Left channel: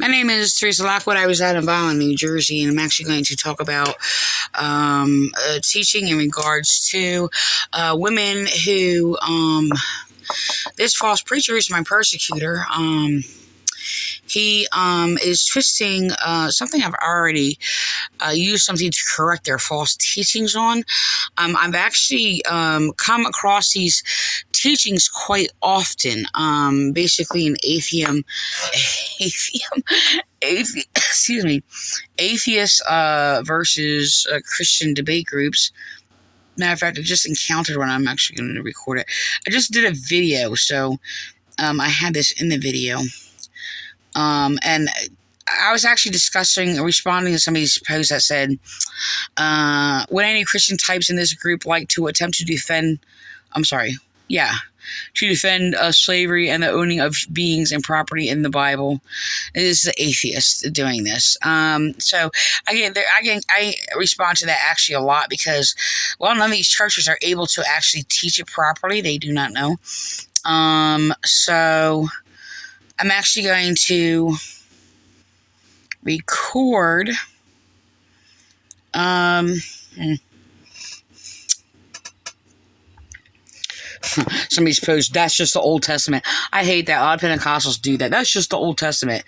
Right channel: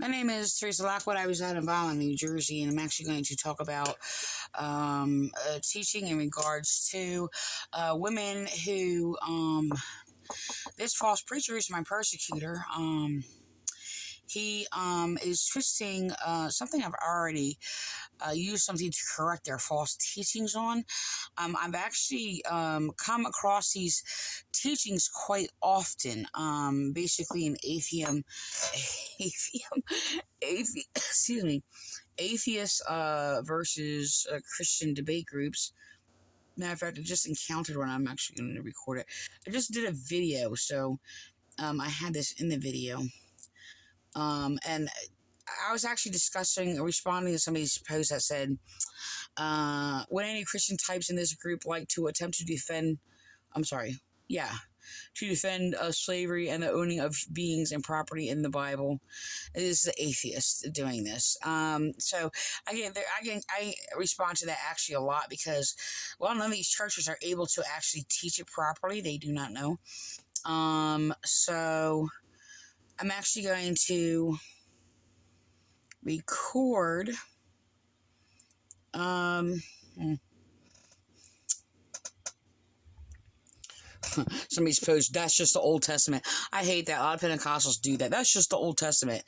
My name is Teresa Lockwood. I reside in Vineland, New Jersey, and I'm actually going to talk about teaching in regards to women who, this false preacher is my persecutor. He is twisting something I've already used something to correct their false teachings on. I've actually come across these teachings quite often. Basically, in atheist versus Christian debate groups. Matter of fact, I just encountered one. I'm actually going to record it. I just did a video, so I had this in the video. And I was actually responding to somebody's post that said, would any Christian types in this group like to attempt to defend, to defend slavery and the owning of beings and property in the Bible? This is an atheist doing this. So I respond to that actually a lot because, well, none of these churches are able to actually teach it properly. They do not know. So I'm actually going to record somebody's post, that's just the Old Testament. I hate that. A lot of Pentecostals do that. That's just the Old Testament.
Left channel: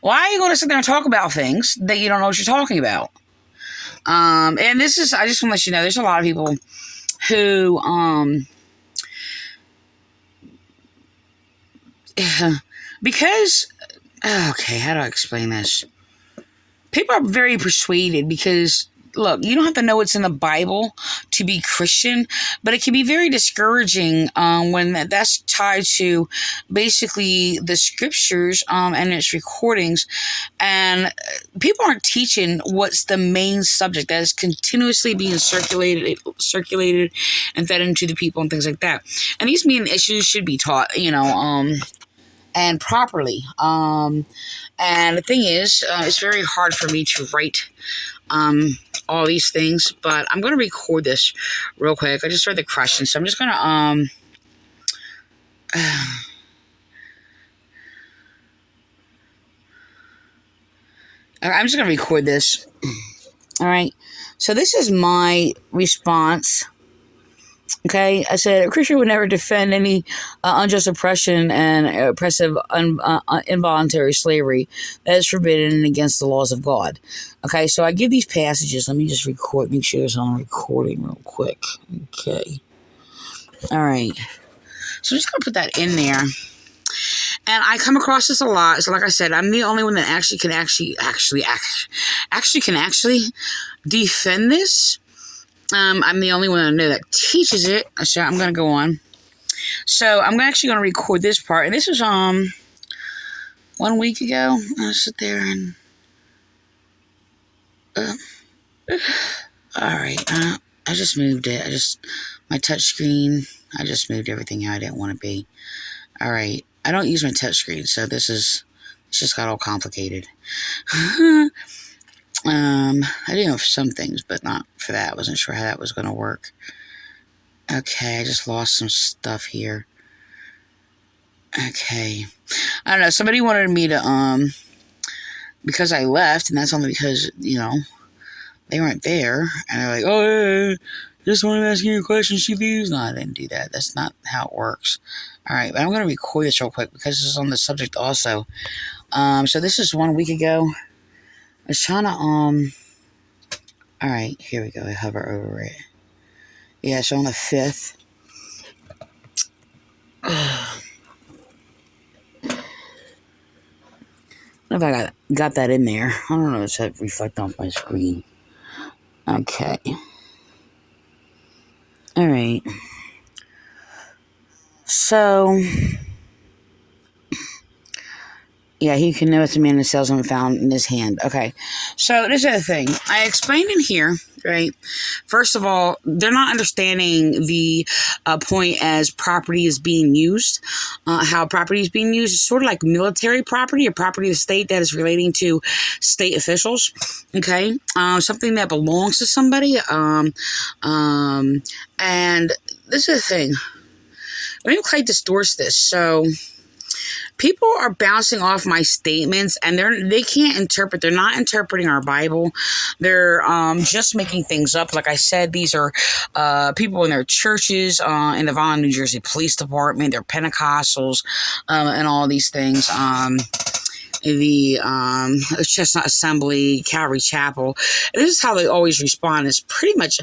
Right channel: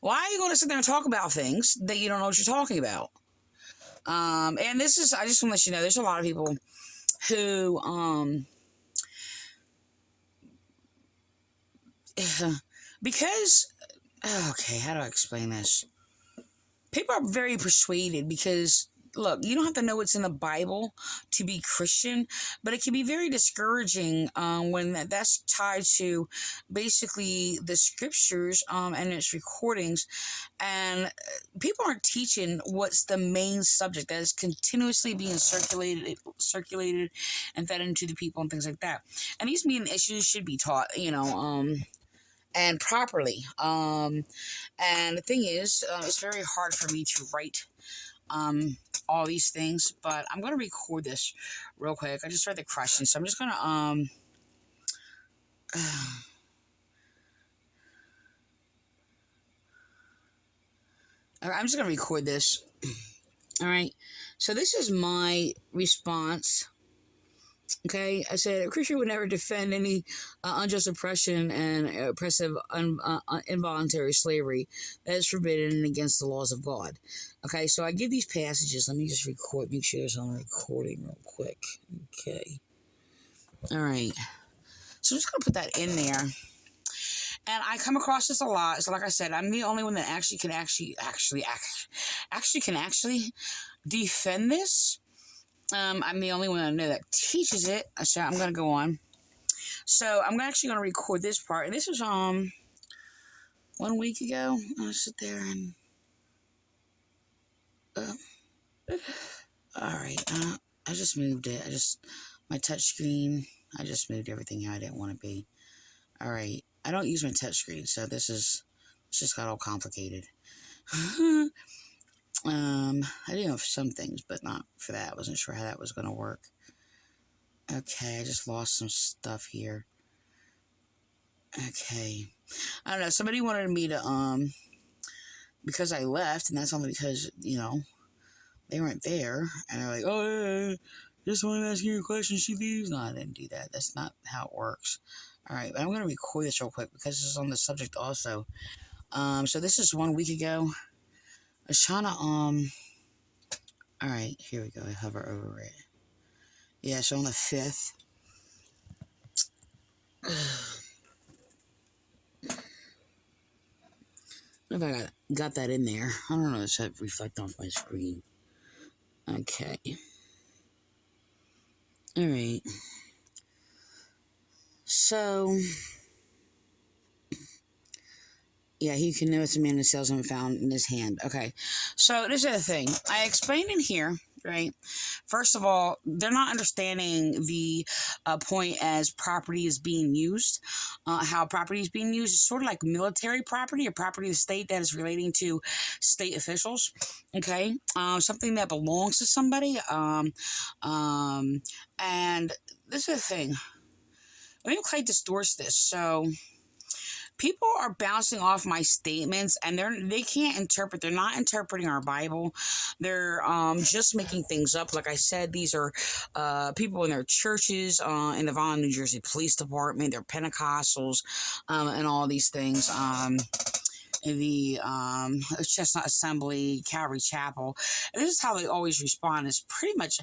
Why are you going to sit there and talk about things that you don't know what you're talking about? And this is, I just want to let you know, there's a lot of people who, because, okay, how do I explain this? People are very persuaded because, look, you don't have to know what's in the Bible to be Christian, but it can be very discouraging when that's tied to basically the scriptures and its recordings, and people aren't teaching what's the main subject that is continuously being circulated and fed into the people and things like that. And these main issues should be taught, and properly. And the thing is, it's very hard for me to write all these things, but I'm going to record this real quick. I just read the question, so I'm just going to, I'm just going to record this. All right. So this is my response. Okay, I said, a Christian would never defend any unjust oppression and oppressive involuntary slavery that is forbidden and against the laws of God. Okay, so I give these passages. Let me just make sure it's on recording real quick. Okay. All right. So I'm just going to put that in there. And I come across this a lot. So like I said, I'm the only one that actually can defend this. I'm the only one I know that teaches it, so I'm going to go on. So I'm actually going to record this part, and this was 1 week ago. I'll sit there and all right. I just moved it. My touch screen. I just moved everything how I didn't want to be. All right. I don't use my touch screen, so it's just got all complicated. I do know for some things, but not for that. I wasn't sure how that was going to work. Okay, I just lost some stuff here. Okay. I don't know, somebody wanted me to, because I left, and that's only because, they weren't there, and they're like, oh, yeah, just wanted to ask you a question, she leaves. No, I didn't do that. That's not how it works. All right, but I'm going to record this real quick, because this is on the subject also. So this is 1 week ago. I was trying to, alright, here we go, I hover over it. Yeah, so on the 5th. I don't know if I got that in there. I don't know if it's reflecting off my screen. Okay. Alright. So, yeah, he can know it's a man who sells them found in his hand. Okay, so this is the thing. I explained in here, right? First of all, they're not understanding the point as property is being used. How property is being used is sort of like military property or property of the state that is relating to state officials. Okay, something that belongs to somebody. And this is the thing. Let me quite distort this. So people are bouncing off my statements, and they can't interpret. They're not interpreting our Bible. They're just making things up. Like I said, these are people in their churches, in the Vineland, New Jersey Police Department. They're Pentecostals, and all these things. The Chestnut Assembly, Calvary Chapel. This is how they always respond. It's pretty much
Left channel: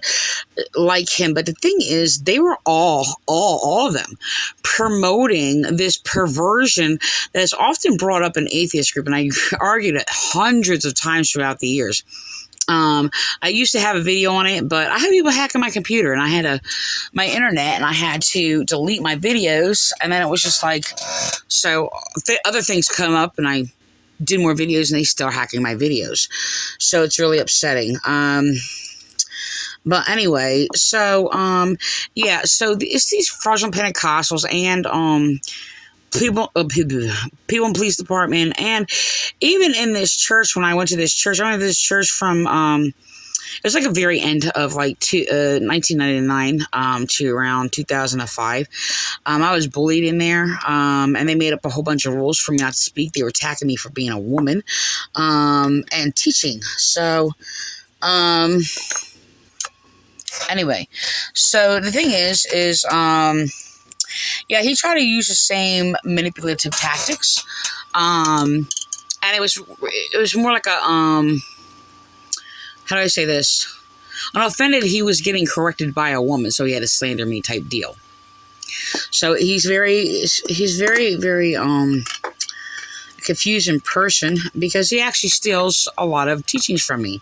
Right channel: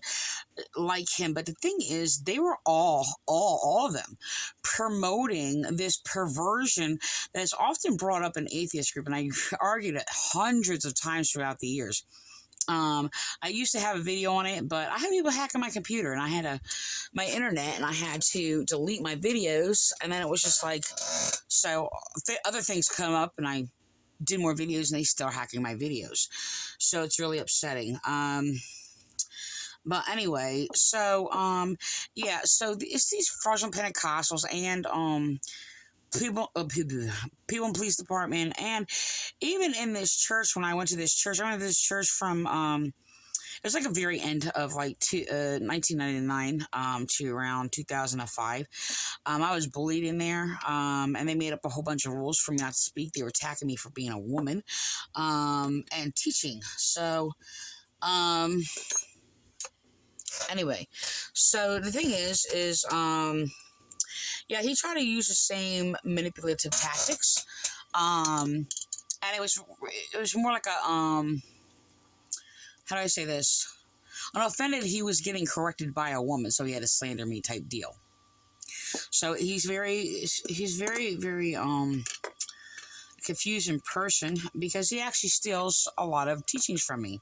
like him. But the thing is, they were all of them promoting this perversion that is often brought up in atheist group. And I argued it hundreds of times throughout the years. I used to have a video on it, but I had people hacking my computer, and I had my internet, and I had to delete my videos. And then it was just like, so other things come up, and I did more videos, and they still hacking my videos. So it's really upsetting. But anyway, so yeah, so it's these fraudulent Pentecostals and people in police department, and even in this church. When I went to this church, from it was like a very end of like 1999 to around 2005. I was bullied in there, and they made up a whole bunch of rules for me not to speak. They were attacking me for being a woman and teaching. So anyway, so the thing is yeah, he tried to use the same manipulative tactics, and it was more like a how do I say this? On offended, he was getting corrected by a woman, so he had a slander me type deal. So he's very confusing person, because he actually steals a lot of teachings from me.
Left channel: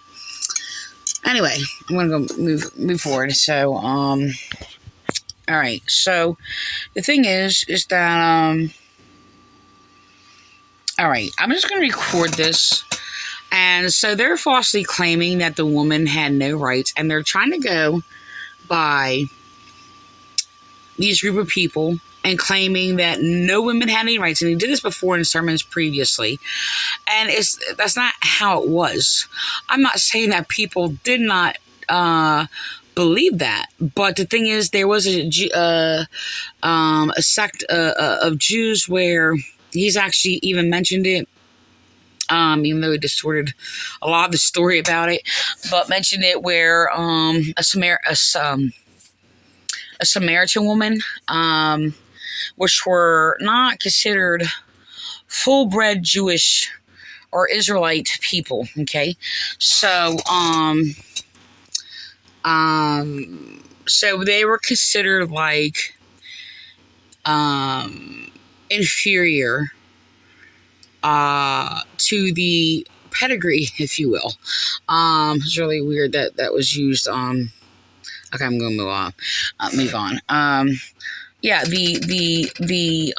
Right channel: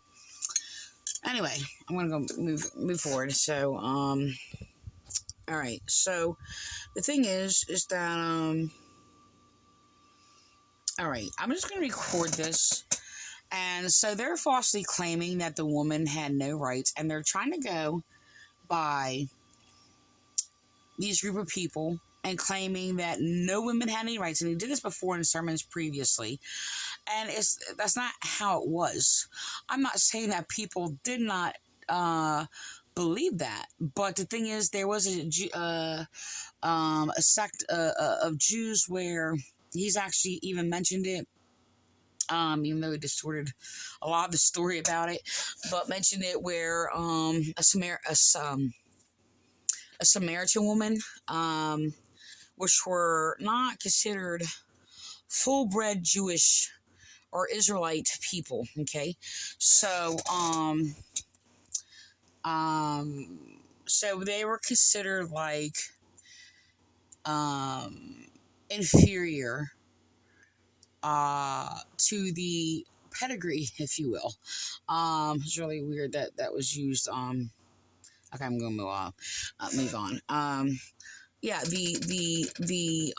Anyway, I'm gonna go move forward. So all right. So the thing is that all right, I'm just gonna record this. And so they're falsely claiming that the woman had no rights, and they're trying to go by these group of people and claiming that no women had any rights. And he did this before in sermons previously, and that's not how it was. I'm not saying that people did not believe that, but the thing is, there was a sect of Jews where he's actually even mentioned it. Even though he distorted a lot of the story about it, but mentioned it where a Samaritan woman, which were not considered full-bred Jewish or Israelite people. Okay, so so they were considered like inferior to the pedigree, if you will. It's really weird that was used. Okay, I'm gonna move on. Yeah, the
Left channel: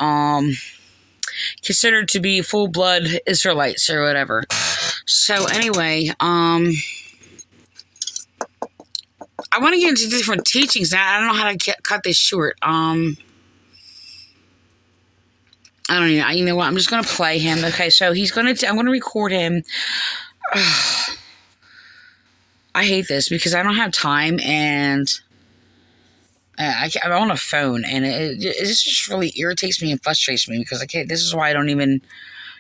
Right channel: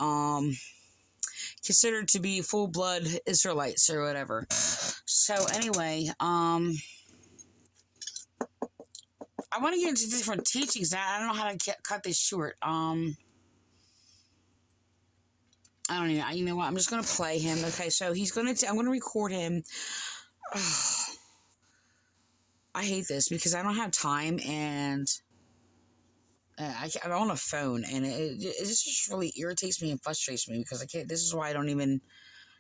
considered to be full blood Israelites or whatever. So anyway, I want to get into different teachings now. I don't know how to cut this short. I don't know. You know what? I'm just going to play him. Okay, so I'm going to record him. I hate this because I don't have time, and I'm on a phone, and it just really irritates me and frustrates me, because this is why I don't even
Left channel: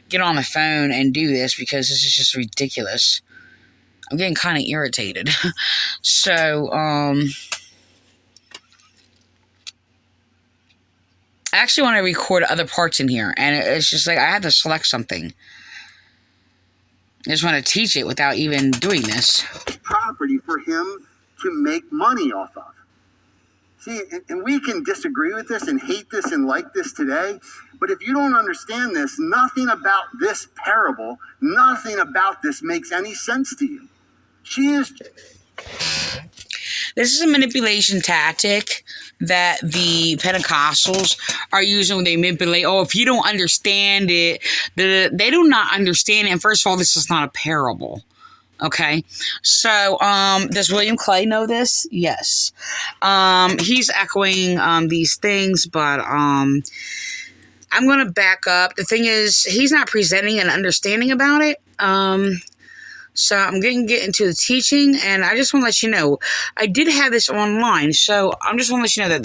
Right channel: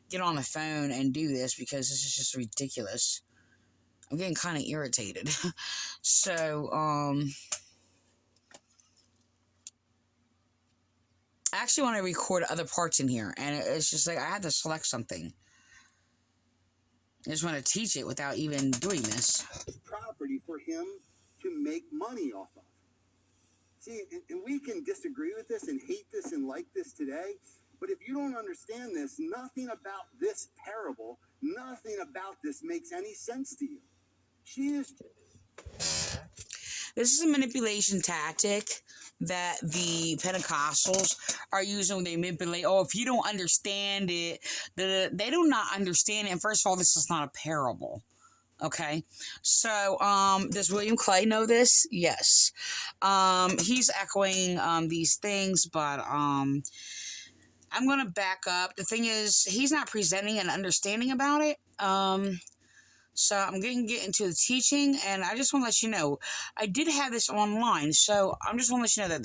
get on the phone and do this, because this is just ridiculous. I'm getting kind of irritated. So, I actually want to record other parts in here, and it's just like I had to select something. I just want to teach it without even doing this. Property for him to make money off of. See, and we can disagree with this and hate this and like this today, but if you don't understand this, nothing about this parable, nothing about this makes any sense to you. This is a manipulation tactic that the Pentecostals are using when they manipulate. Oh, if you don't understand it, they do not understand it. And first of all, this is not a parable. Okay, so does William Clay know this? Yes. He's echoing these things, but I'm going to back up. The thing is, he's not presenting an understanding about it. So I'm going to get into the teaching, and I just want to let you know, I did have this online, so I'm just want to let you know that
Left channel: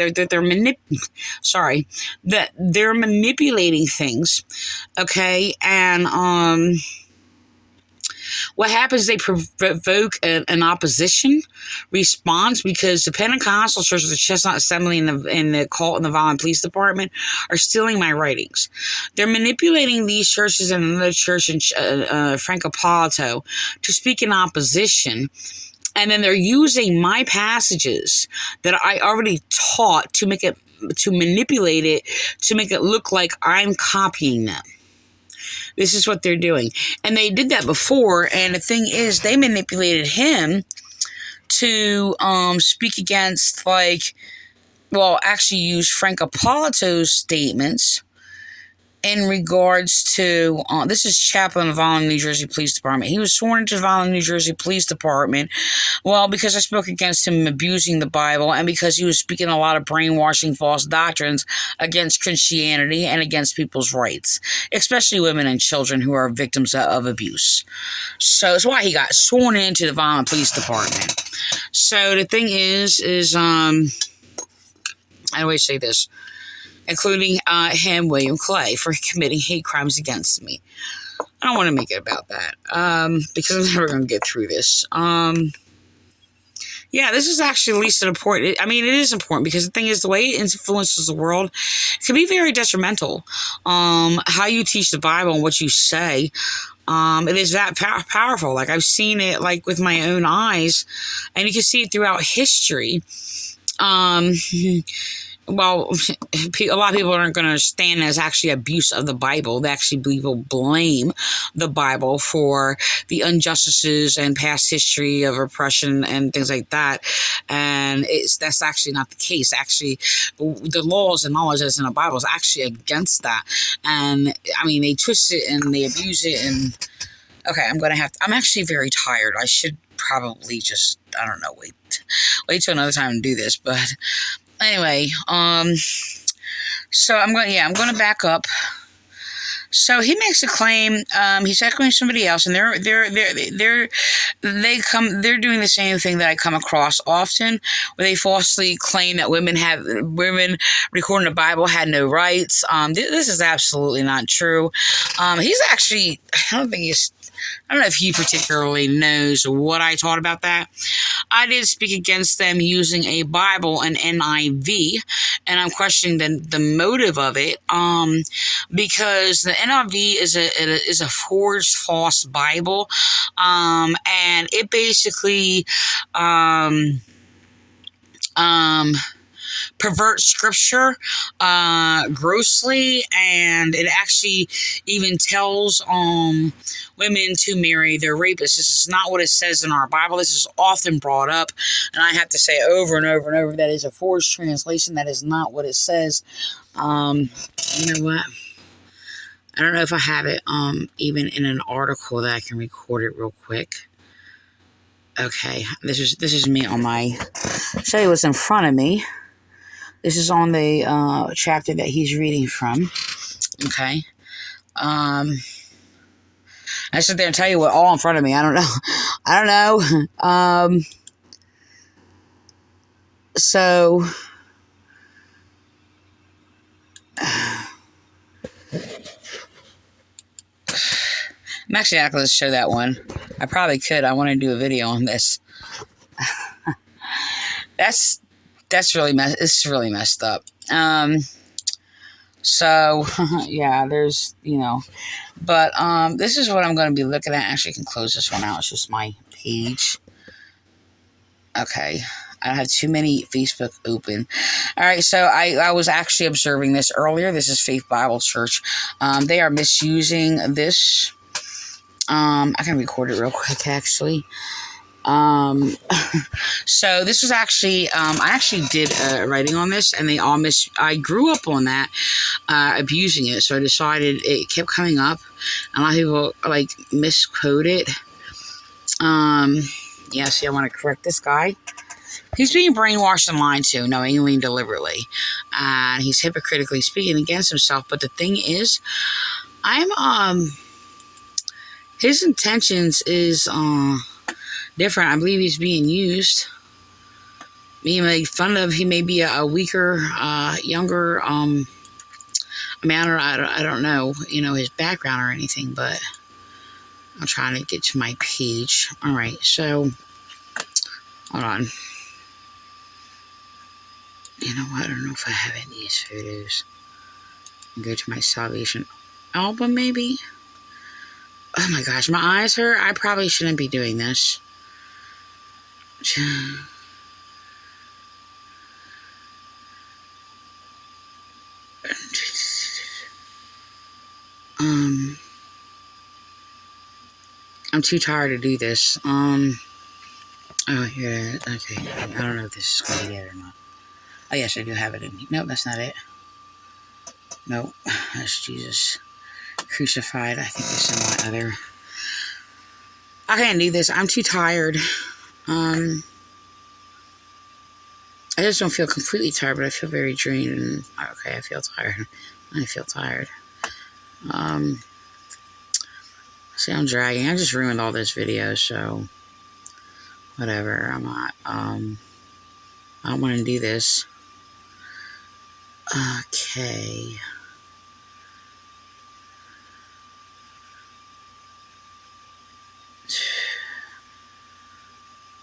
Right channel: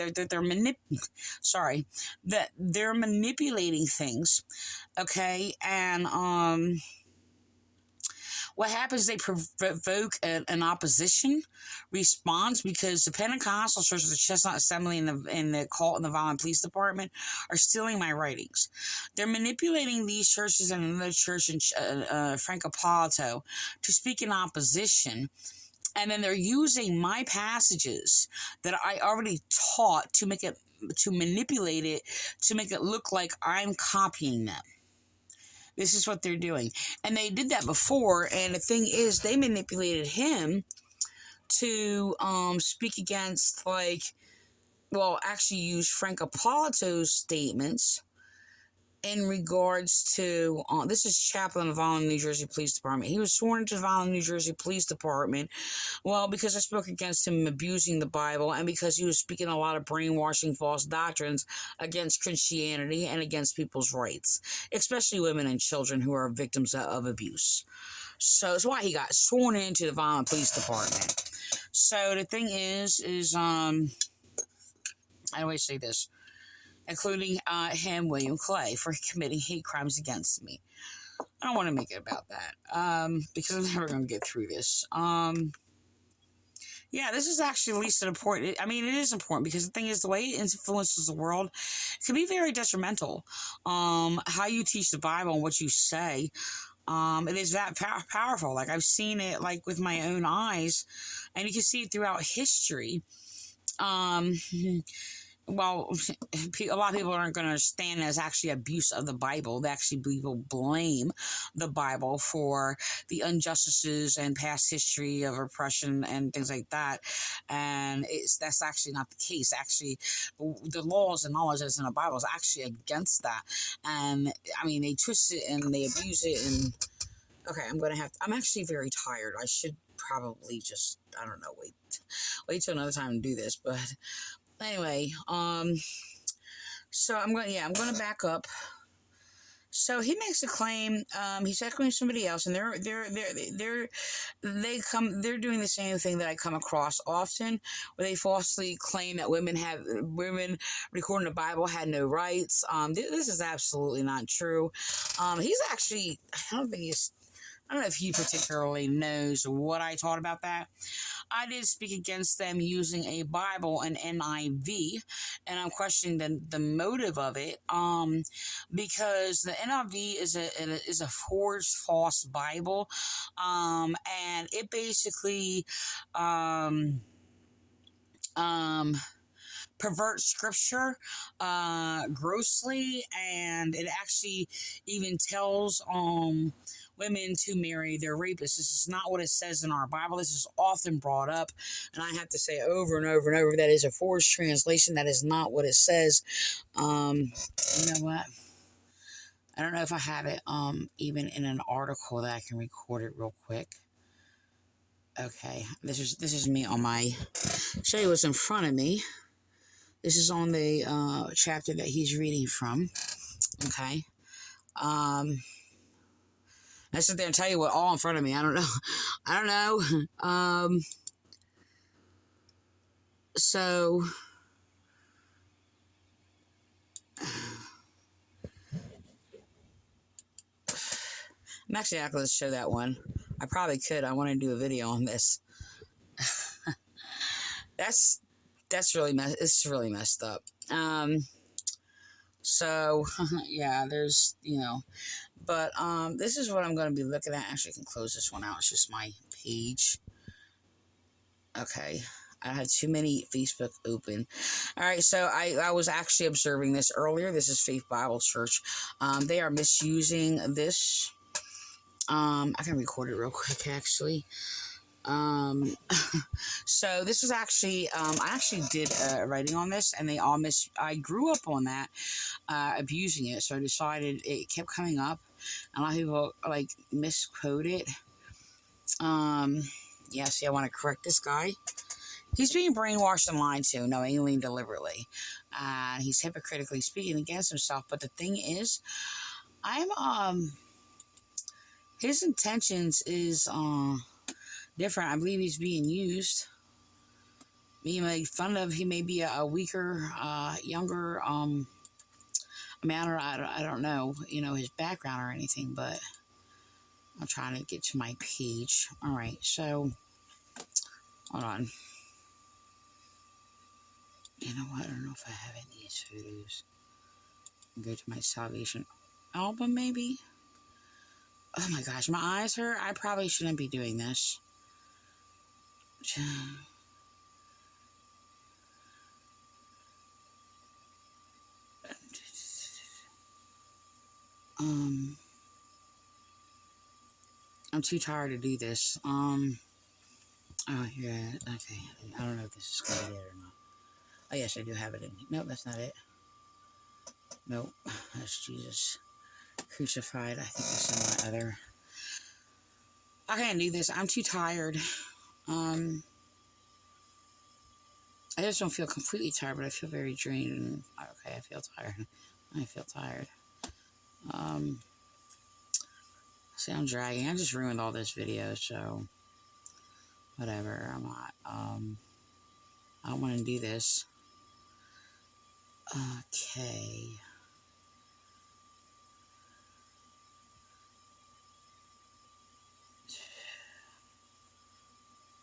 they're manipulating things, okay? And what happens? They provoke an opposition response because the Pentecostal Church, the Chestnut Assembly, and the Cult and the Vineland Police Department are stealing my writings. They're manipulating these churches and another church in Francopolito to speak in opposition. And then they're using my passages that I already taught to manipulate it, to make it look like I'm copying them. This is what they're doing. And they did that before. And the thing is, they manipulated him to speak against, actually use Francopolito's statements in regards to, this is chaplain of the Vineland, New Jersey Police Department. He was sworn into the Vineland, New Jersey Police Department, because I spoke against him abusing the Bible and because he was speaking a lot of brainwashing false doctrines against Christianity and against people's rights, especially women and children who are victims of abuse. So that's why he got sworn into the Vineland Police Department. So the thing is I always say this, including him, William Clay, for committing hate crimes against me. I don't want to make it about that, because I'm never going to get through this. This is actually at least important. I mean, it is important because the thing is, the way it influences the world can be very detrimental. How you teach the Bible and what you say, it is that powerful. Like, I've seen it, with my own eyes, and you can see it throughout history. A lot of people aren't going to understand as actually abuse of the Bible. They actually people blame the Bible for the injustices and past history of oppression and things like that. And that's actually not the case. Actually, the laws and knowledge that's in the Bible is actually against that. And I mean, they twist it and they abuse it. And okay, I'm actually very tired. I should probably just, I don't know, wait till another time to do this, but anyway, so I'm going to back up. So he makes a claim, he's echoing somebody else, and they're doing the same thing that I come across often, where they falsely claim that women recording the Bible had no rights. This is absolutely not true. He's actually, I don't know if he particularly knows what I taught about that. I did speak against them using a Bible, an NIV, and I'm questioning the motive of it, because the NIV is a forged false Bible, and it basically perverts scripture grossly, and it actually even tells women to marry their rapists. This is not what it says in our Bible. This is often brought up, and I have to say over and over and over, that is a forged translation. That is not what it says. You know what? I don't know if I have it even in an article that I can record it real quick. Okay, this is me on my, show you what's in front of me. This is on the chapter that he's reading from. Okay. I sit there and tell you what all in front of me. I don't know. So I'm actually not going to show that one. I probably could. I want to do a video on this. That's really it's really messed up. So yeah, there's, but this is what I'm going to be looking at. Actually, I can close this one out. It's just my page. Okay. I don't have too many Facebook open. All right, so I was actually observing this earlier. This is Faith Bible Church. They are misusing this. I can record it real quick, actually. So this was actually, I actually did a writing on this, and I grew up on that, abusing it, so I decided it kept coming up. A lot of people, misquote it. Yeah, see, I want to correct this guy. He's being brainwashed and lied to, knowingly and deliberately. And he's hypocritically speaking against himself, but the thing is, his intentions is different. I believe he's being used, being made fun of. He may be a weaker, younger, man, or I don't know, his background or anything, but I'm trying to get to my page. All right, so hold on. You know what? I don't know if I have any of these photos. Go to my salvation album, maybe. Oh my gosh, my eyes hurt. I probably shouldn't be doing this. I'm too tired to do this. Oh, yeah, okay. I don't know if this is going to be it or not. Oh, yes, I do have it in here. Nope, that's not it. Nope, that's Jesus crucified. I think it's in my other... I can't do this. I'm too tired. I just don't feel completely tired, but I feel very drained. And okay, I feel tired. I feel tired. See, I'm dragging. I just ruined all this video, so whatever. I'm not. I don't want to do this. Okay.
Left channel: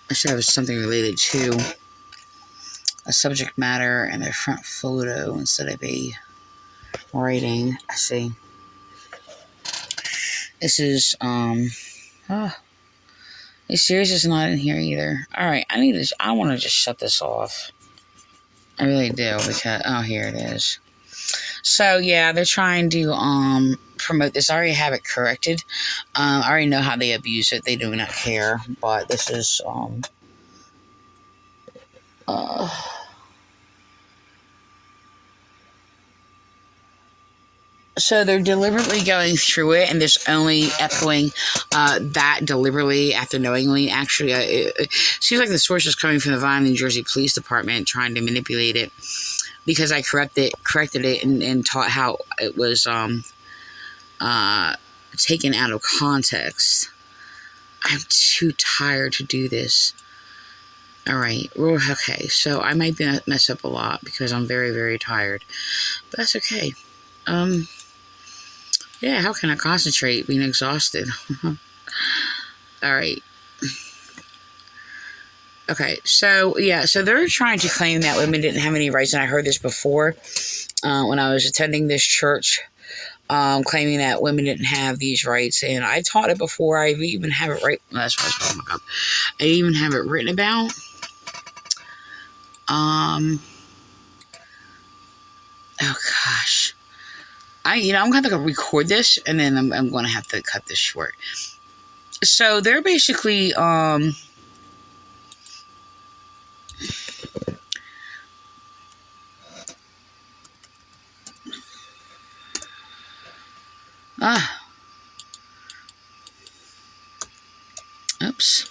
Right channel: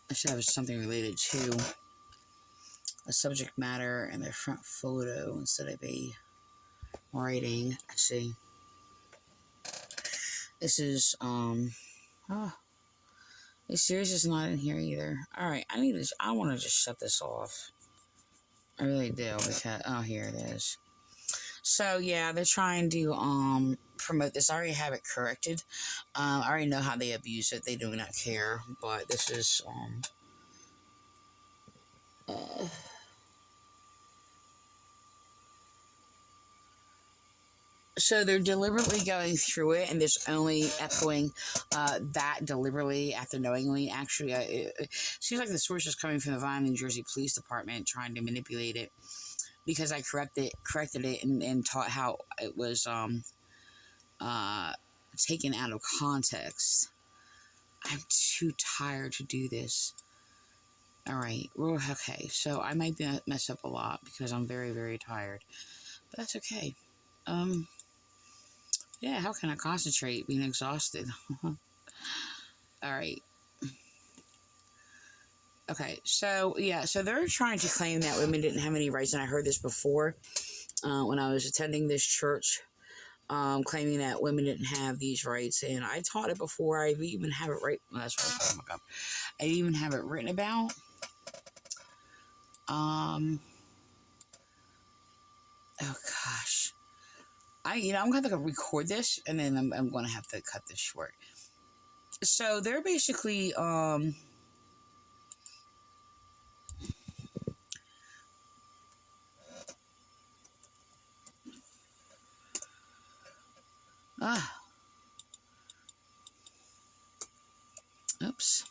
I should have something related to a subject matter and a front photo instead of a writing. I see. This is, this series is not in here either. Alright, I want to just shut this off. I really do, because, oh, here it is. So, yeah, they're trying to, promote this. I already have it corrected. I already know how they abuse it. They do not care, but this is, so they're deliberately going through it, and there's only echoing that deliberately after knowingly. Actually, it seems like the source is coming from the Vineland, New Jersey Police Department, trying to manipulate it, because I corrected it and taught how it was taken out of context. I'm too tired to do this. All right. Okay. So I might mess up a lot because I'm very, very tired, but that's okay. Yeah, how can I concentrate being exhausted? All right. Okay, so, yeah, so they're trying to claim that women didn't have any rights, and I heard this before when I was attending this church, claiming that women didn't have these rights, and I taught it before. I even have it right, well, that's what I was talking about. I even have it written about. Oh, gosh. I'm going to have to record this, and then I'm going to have to cut this short. So they're basically, oops.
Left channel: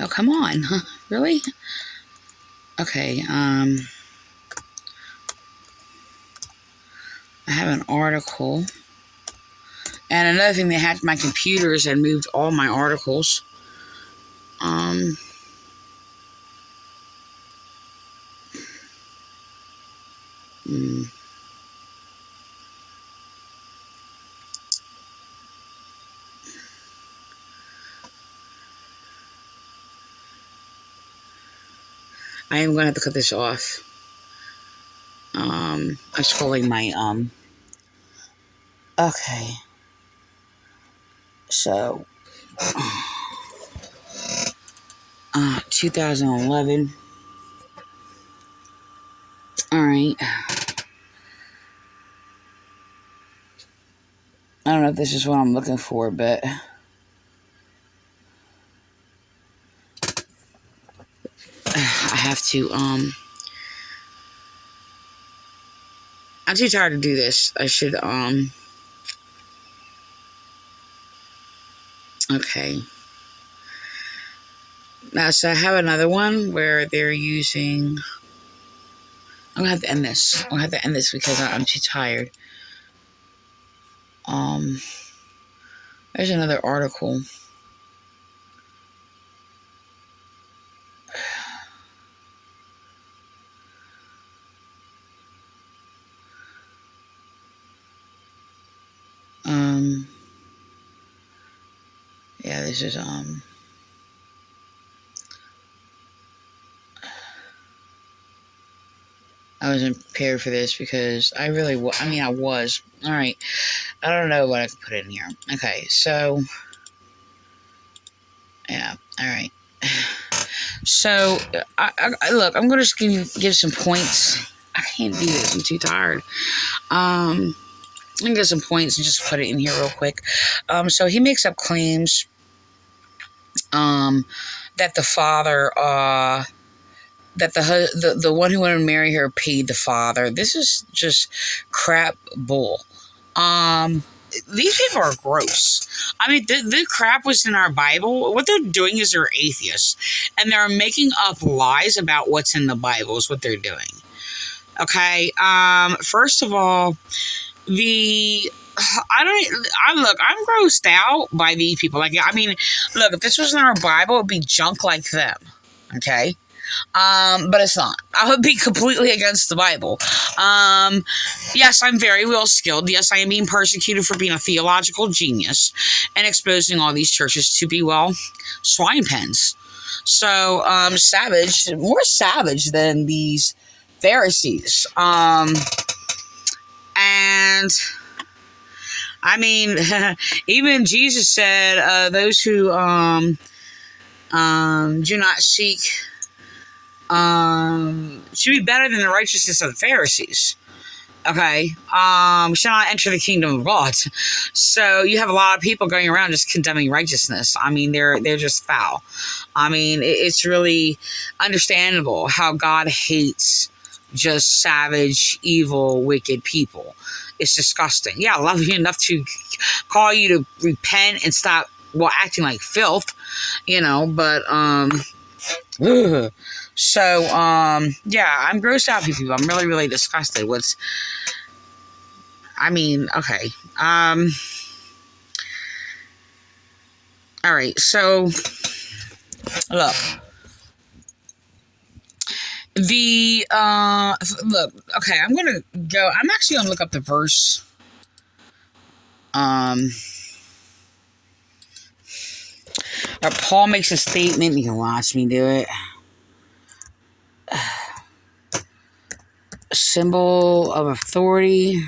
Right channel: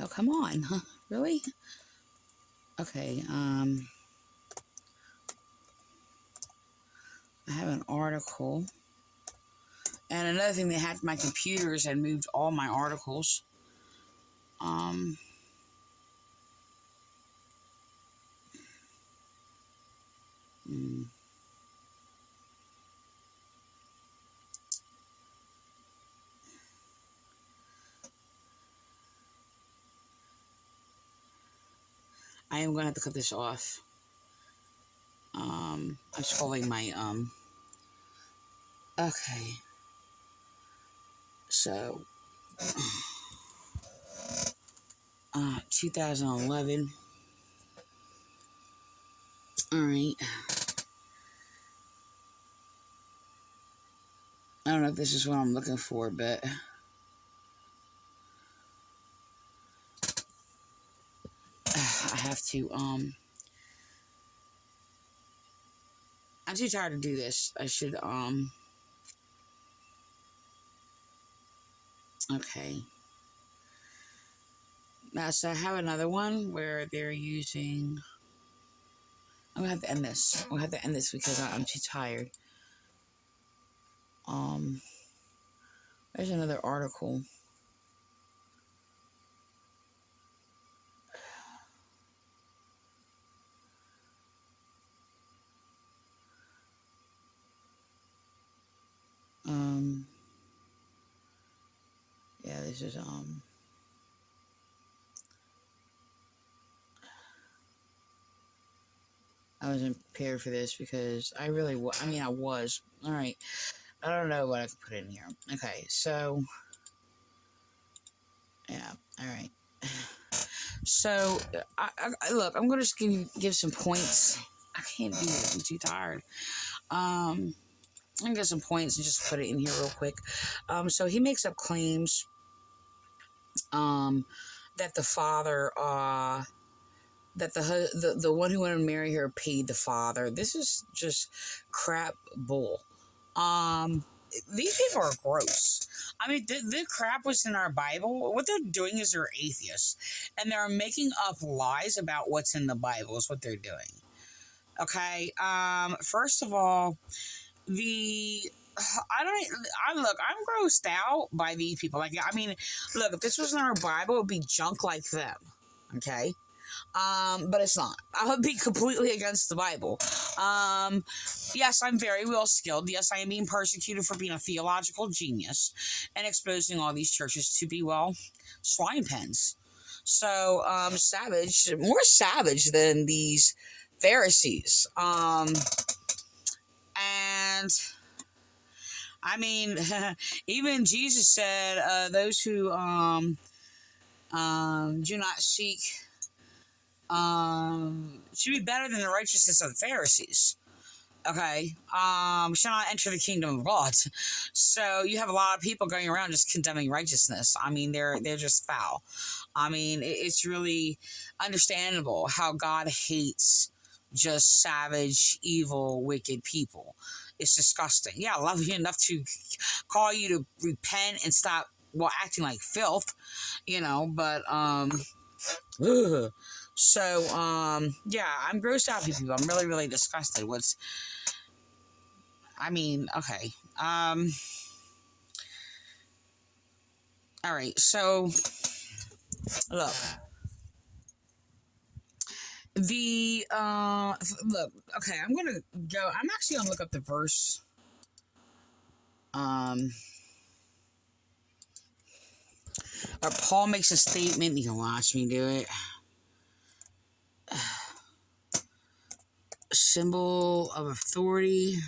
Oh, come on. Huh? Really? Okay, I have an article. And another thing, they hacked my computers and moved all my articles. I am going to have to cut this off. I'm scrolling my, okay. So, 2011. Alright. I don't know if this is what I'm looking for, but I have to, I'm too tired to do this. I should, okay. Now, so I have another one where they're using, I'm gonna have to end this. I'm gonna have to end this because I'm too tired. There's another article. Yeah, this is, I wasn't prepared for this because I really I was. All right. I don't know what I could put in here. Okay, so, yeah, all right. So, look, I'm going to just give some points. I can't do this. I'm too tired. I'm going to get some points and just put it in here real quick. So he makes up claims that the father, that the one who wanted to marry her paid the father. This is just crap bull. These people are gross. I mean, the crap was in our Bible. What they're doing is they're atheists, and they're making up lies about what's in the Bible is what they're doing. Okay. First of all, I'm grossed out by these people. Like, I mean, look, if this was in our Bible, it'd be junk like them. Okay. But it's not. I would be completely against the Bible. Yes, I'm very well skilled. Yes, I am being persecuted for being a theological genius and exposing all these churches to be, well, swine pens. So, savage, more savage than these Pharisees. And I mean, even Jesus said, those who, do not seek, should be better than the righteousness of the Pharisees. Okay. Shall not enter the kingdom of God. So you have a lot of people going around just condemning righteousness. I mean, they're just foul. I mean, it's really understandable how God hates just savage, evil, wicked people. It's disgusting. Yeah, I love you enough to call you to repent and stop, well, acting like filth, but, so, yeah, I'm grossed out, people. I'm really, really disgusted. Okay. All right, so, look. Okay, I'm actually gonna look up the verse. Paul makes a statement. You can watch me do it. Symbol of authority.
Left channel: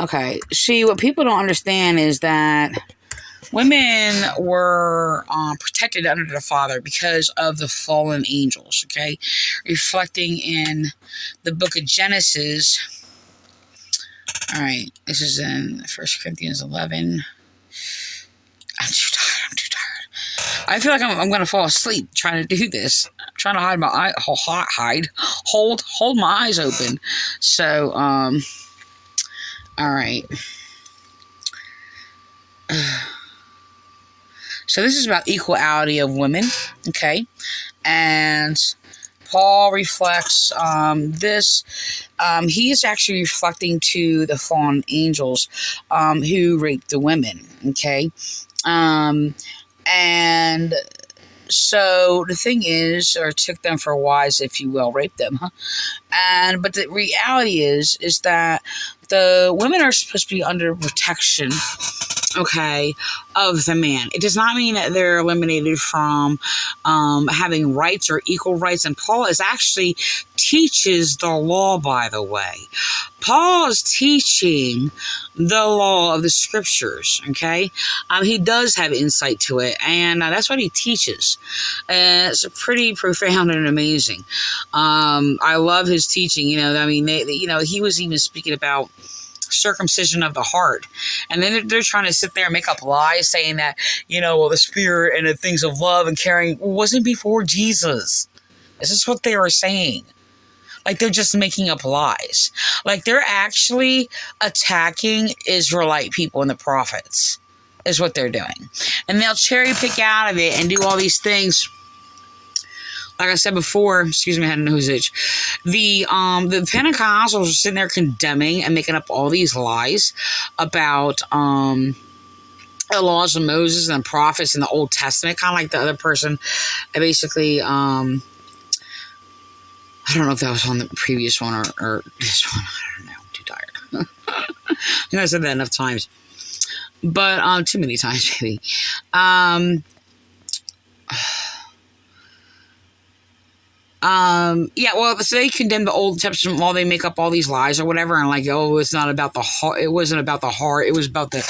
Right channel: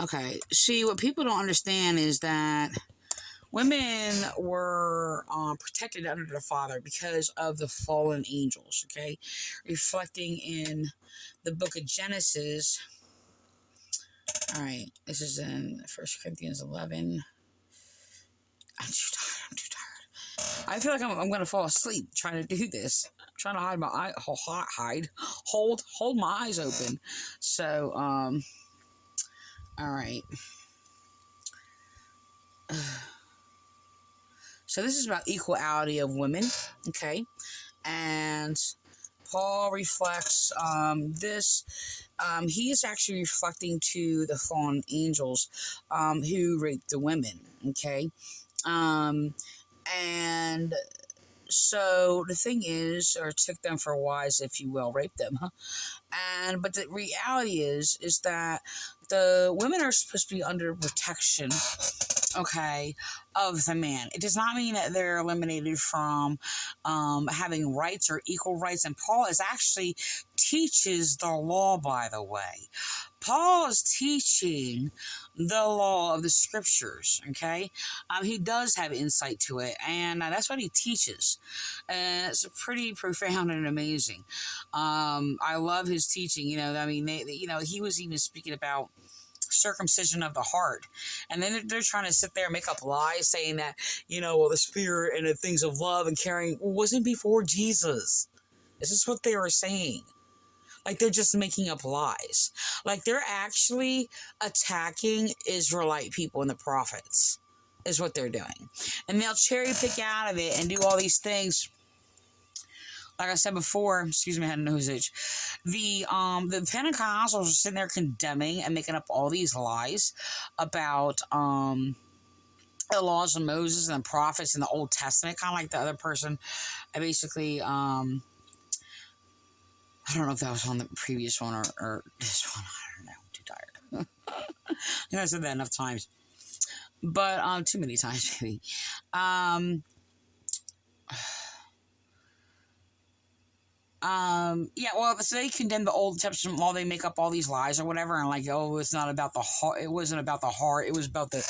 Okay, see, what people don't understand is that women were protected under the Father because of the fallen angels, okay? Reflecting in the book of Genesis. All right, this is in 1 Corinthians 11. I'm too tired. I feel like I'm going to fall asleep trying to do this. I'm trying to hide my eye, hold my eyes open. So, all right. So this is about equality of women, okay? And Paul reflects this. He is actually reflecting to the fallen angels who raped the women, okay? And so the thing is, or took them for wives, if you will, raped them, huh? But the reality is that the women are supposed to be under protection, okay, of the man. It does not mean that they're eliminated from having rights or equal rights. And Paul actually teaches the law, by the way. Paul is teaching the law of the scriptures, okay? He does have insight to it, and that's what he teaches. It's pretty profound and amazing. I love his teaching. He was even speaking about circumcision of the heart, and then they're trying to sit there and make up lies saying that the spirit and the things of love and caring wasn't before Jesus. This is what they are saying. Like, they're just making up lies. Like, they're actually attacking Israelite people and the prophets is what they're doing, and they'll cherry pick out of it and do all these things like I said before, excuse me, I had a nose itch. The Pentecostals are sitting there condemning and making up all these lies about the laws of Moses and the prophets in the Old Testament, kind of like the other person. I basically, I don't know if that was on the previous one or this one. I don't know. I'm too tired. I think I said that enough times, but too many times maybe. Yeah, well, so they condemn the Old Testament law. They make up all these lies or whatever, and like, oh, it's not about the heart. It wasn't about the heart. It was about the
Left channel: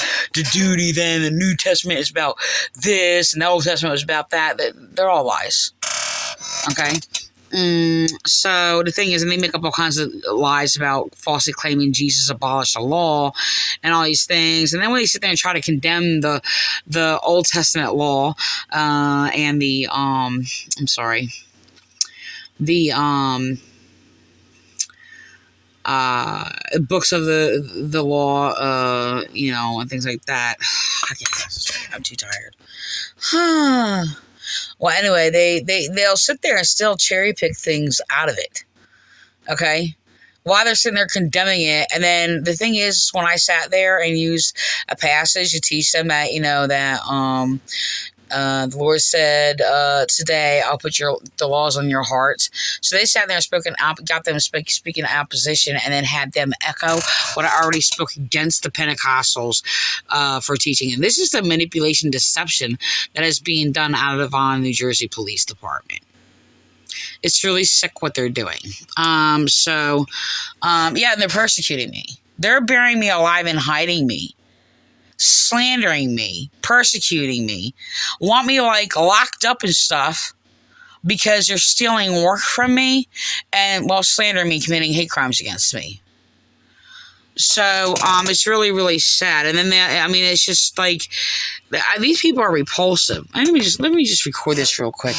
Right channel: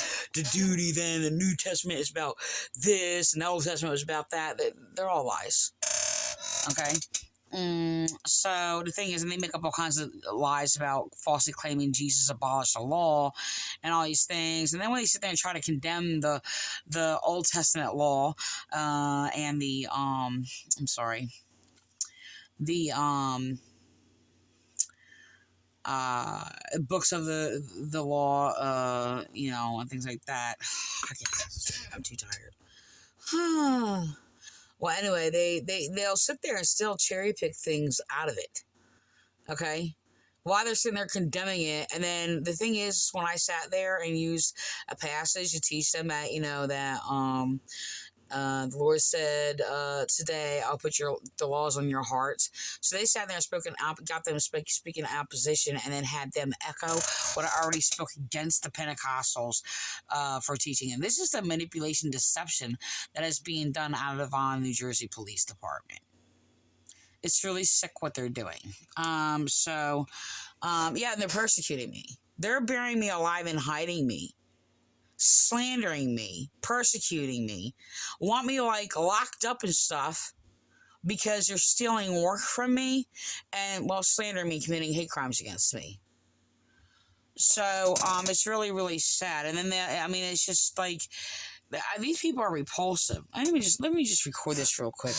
duty. Then the New Testament is about this, and the Old Testament was about that. They're all lies. Okay. So the thing is, and they make up all kinds of lies about falsely claiming Jesus abolished the law and all these things. And then when they sit there and try to condemn the Old Testament law, and the books of the law, and things like that. I'm too tired. Well, anyway, they'll sit there and still cherry pick things out of it. Okay? While they're sitting there condemning it. And then the thing is, when I sat there and used a passage to teach them that, the Lord said, today I'll put the laws on your hearts. So they sat there and got them speaking opposition, and then had them echo what I already spoke against the Pentecostals for teaching. And this is the manipulation, deception that is being done out of the Vineland, New Jersey Police Department. It's really sick what they're doing. And they're persecuting me. They're burying me alive and hiding me. Slandering me, persecuting me, want me like locked up and stuff because they're stealing work from me and while slandering me, committing hate crimes against me. So it's really, really sad. And then it's just like these people are repulsive. Let me just record this real quick.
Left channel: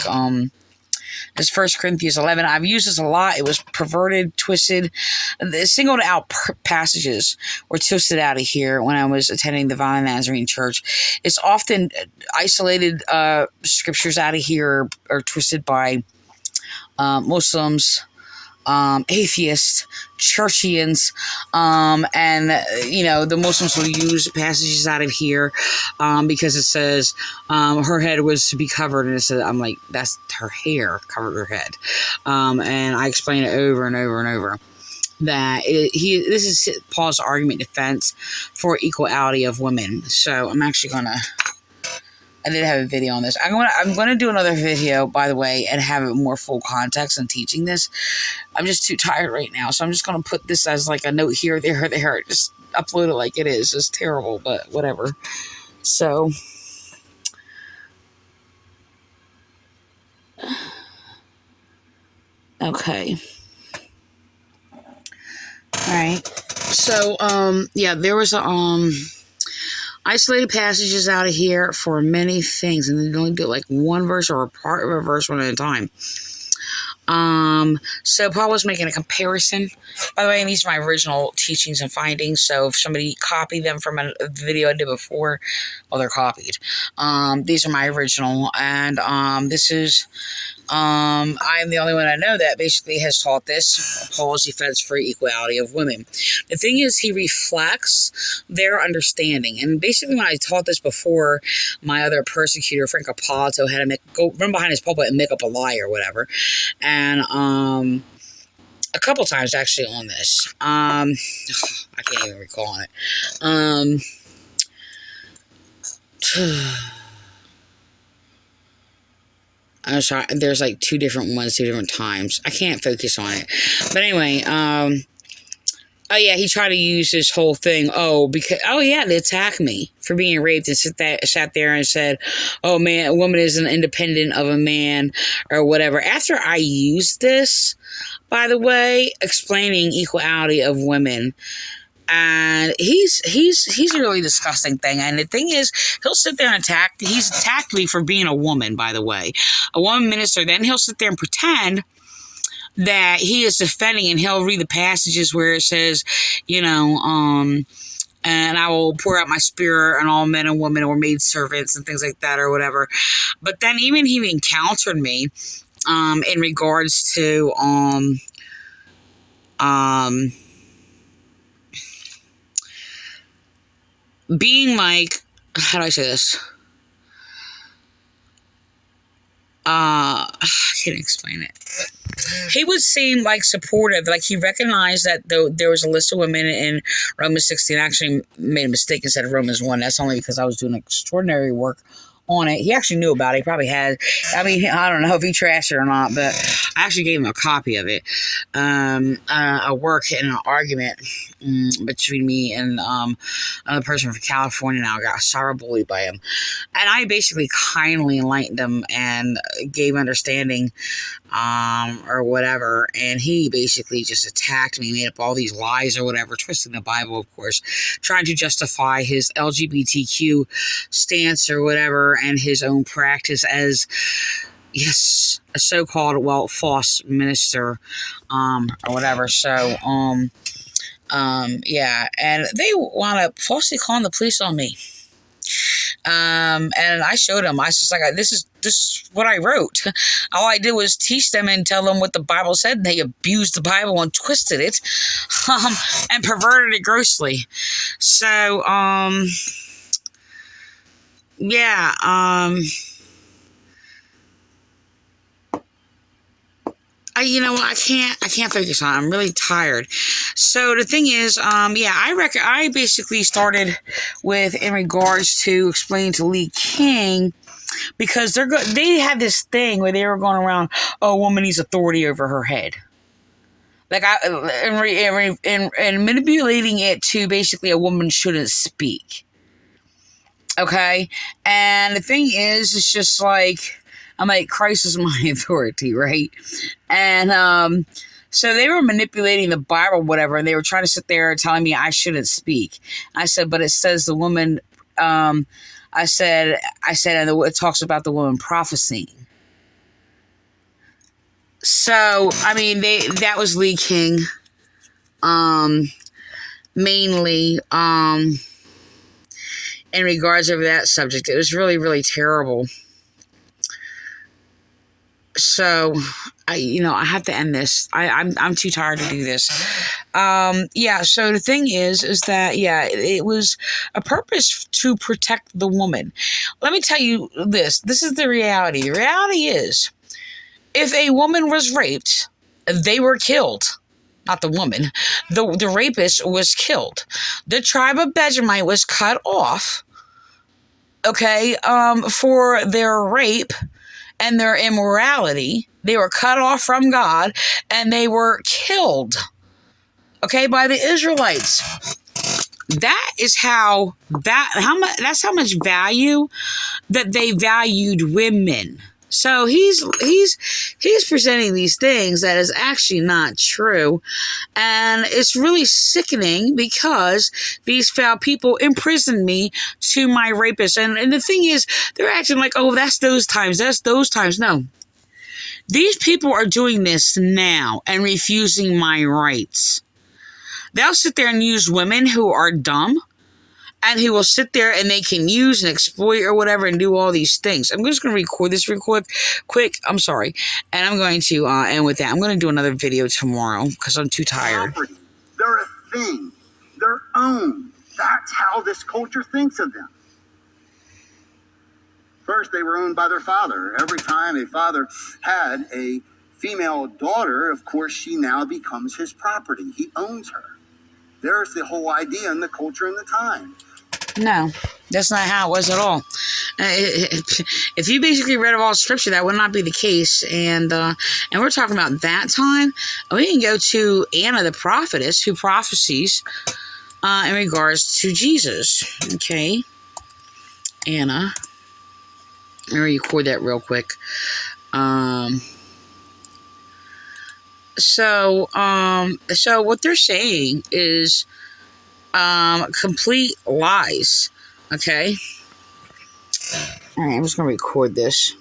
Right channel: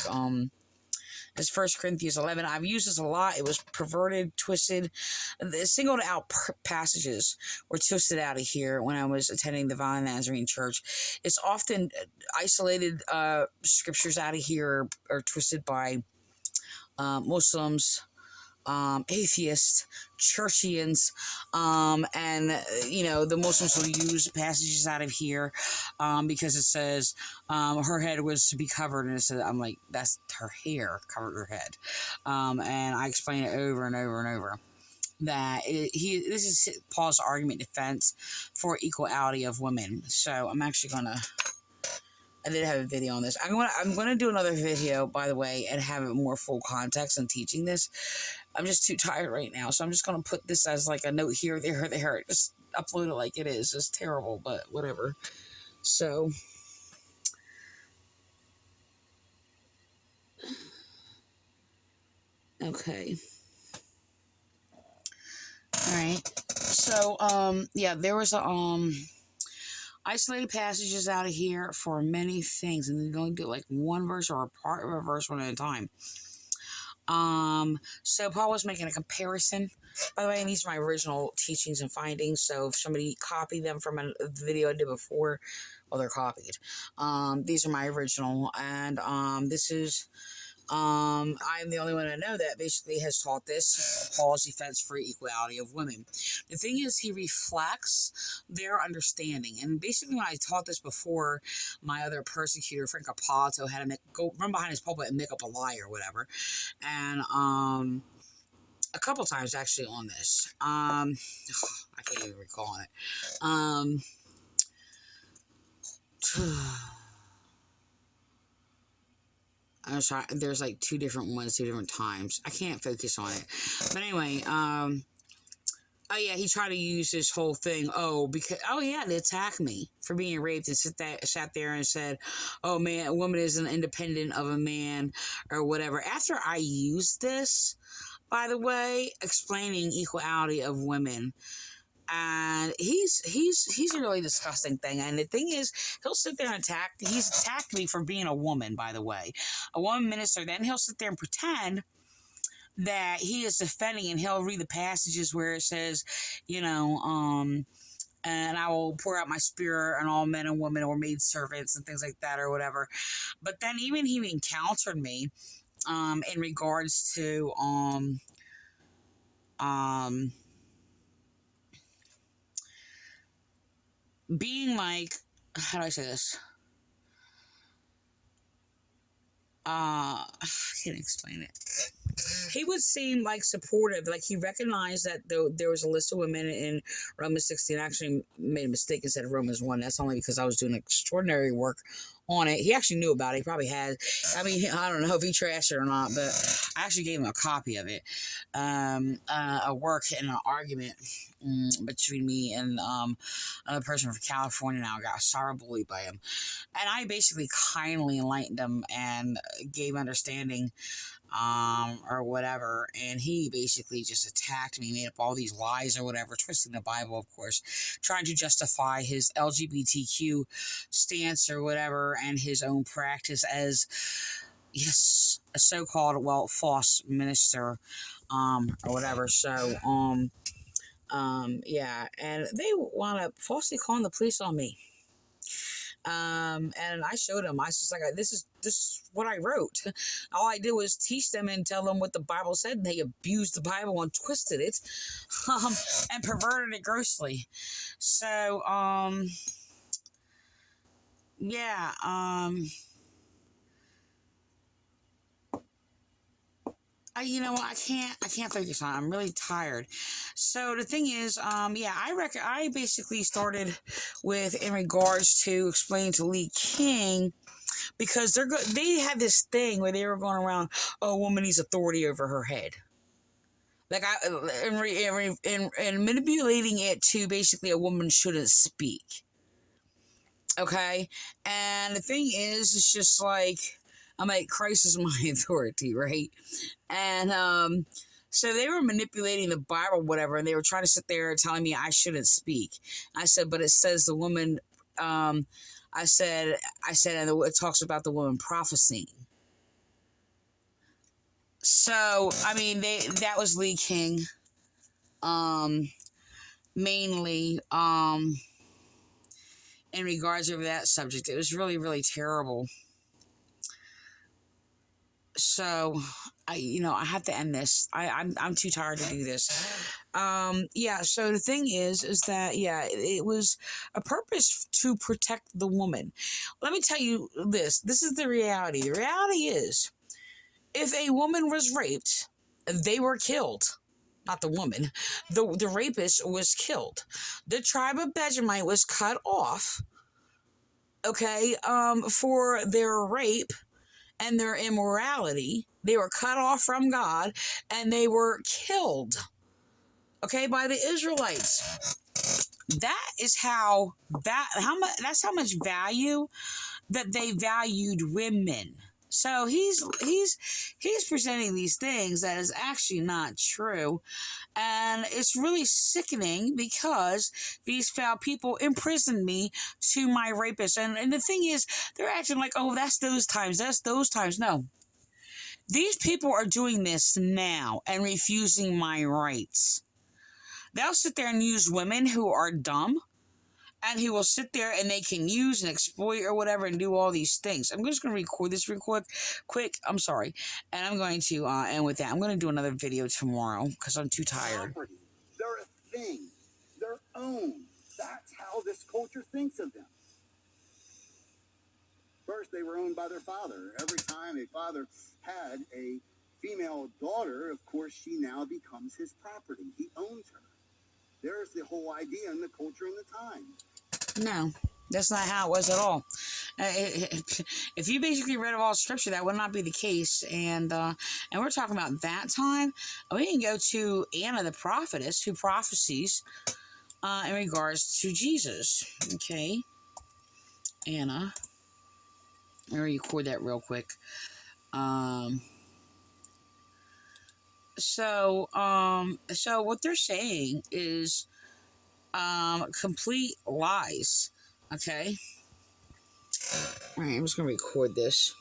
It's 1 Corinthians 11. I've used this a lot. It was perverted, twisted. The singled out passages were twisted out of here when I was attending the Vineland Nazarene Church. It's often isolated scriptures out of here are twisted by Muslims, atheists, churchians, and the Muslims will use passages out of here because it says her head was to be covered, and it said, I'm like, that's her hair covered her head, and I explain it over and over and over that this is Paul's argument defense for equality of women. So I'm actually gonna. I did have a video on this. I'm gonna do another video, by the way, and have it more full context in teaching this. I'm just too tired right now, so I'm just gonna put this as like a note here, there. Just upload it like it is. It's terrible, but whatever. So, okay. All right. So, there was isolated passages out of here for many things, and they only do like one verse or a part of a verse one at a time. So Paul was making a comparison. By the way, and these are my original teachings and findings. So if somebody copied them from a video I did before, well, they're copied. These are my original, and this is. I'm the only one I know that basically has taught this, Paul's defense for equality of women. The thing is, he reflects their understanding. And basically, when I taught this before, my other persecutor, Frank Apollo, had to go run behind his pulpit and make up a lie or whatever. And a couple times actually on this. I can't even recall it. I'm sorry, there's like two different ones, two different times. I can't focus on it. But anyway, he tried to use this whole thing. They attacked me for being raped and sat there and said, oh man, a woman isn't independent of a man or whatever. After I used this, by the way, explaining equality of women, and he's a really disgusting thing. And the thing is, he'll sit there and he's attacked me for being a woman, by the way, a woman minister. Then he'll sit there and pretend that he is defending, and he'll read the passages where it says, and I will pour out my spirit on all men and women or maid servants and things like that or whatever. But then he even countered me in regards to being like, how do I say this? I can't explain it. He would seem like supportive, like he recognized that there was a list of women in Romans 16. I actually made a mistake and said Romans 1. That's only because I was doing extraordinary work on it. He actually knew about it. He probably had. I mean, I don't know if he trashed it or not, but I actually gave him a copy of it. A work and an argument between me and another person from California. Now got cyberbullied by him, and I basically kindly enlightened him and gave understanding, or whatever. And he basically just attacked me, made up all these lies or whatever, twisting the Bible, of course, trying to justify his LGBTQ stance or whatever, and his own practice as, yes, a so-called, well, false minister, or whatever. So, yeah, and they want to falsely calling the police on me. And I showed them. I was just like, this is what I wrote. All I did was teach them and tell them what the Bible said. And they abused the Bible and twisted it, and perverted it grossly. So, yeah, you know what? I can't focus on it. I'm really tired. So the thing is, yeah, I basically started with, in regards to explaining to Lee King, because they had this thing where they were going around, oh, a woman needs authority over her head. Like, and manipulating it to basically a woman shouldn't speak. Okay? And the thing is, it's just like, I'm like, Christ is my authority, right? And so they were manipulating the Bible, whatever, and they were trying to sit there telling me I shouldn't speak. I said, but it says the woman, I said, and it talks about the woman prophesying. So, I mean, that was Lee King, mainly, in regards over that subject. It was really, really terrible. So, I have to end this. I'm too tired to do this. Yeah, so the thing is that, yeah, it was a purpose to protect the woman. Let me tell you this. This is the reality. The reality is, if a woman was raped, they were killed. Not the woman. The rapist was killed. The tribe of Benjamin was cut off, okay, for their rape and their immorality. They were cut off from God, and they were killed, okay, by the Israelites. That's how much value that they valued women. So he's presenting these things that is actually not true, and it's really sickening because these foul people imprisoned me to my rapist. And the thing is, they're acting like, oh, that's those times. No. These people are doing this now and refusing my rights. They'll sit there and use women who are dumb, and who will sit there and they can use and exploit or whatever and do all these things. I'm just going to record this real quick. I'm sorry. And I'm going to end with that. I'm going to do another video tomorrow because I'm too tired. Property. They're a thing. They're owned. That's how this culture thinks of them. First, they were owned by their father. Every time a father had a female daughter, of course, she now becomes his property. He owns her. There's the whole idea in the culture and the time. No, that's not how it was at all. If you basically read all scripture, that would not be the case. And we're talking about that time. We can go to Anna the prophetess, who prophesies in regards to Jesus. Okay, Anna. Let me record that real quick. So what they're saying is complete lies. Okay. All right, I'm just gonna record this.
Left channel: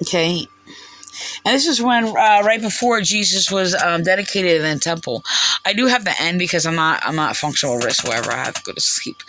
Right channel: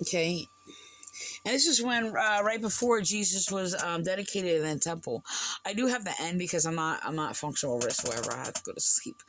Okay. And this is when right before Jesus was dedicated in the temple. I do have to end because I'm not functional whatsoever. I have to go to sleep.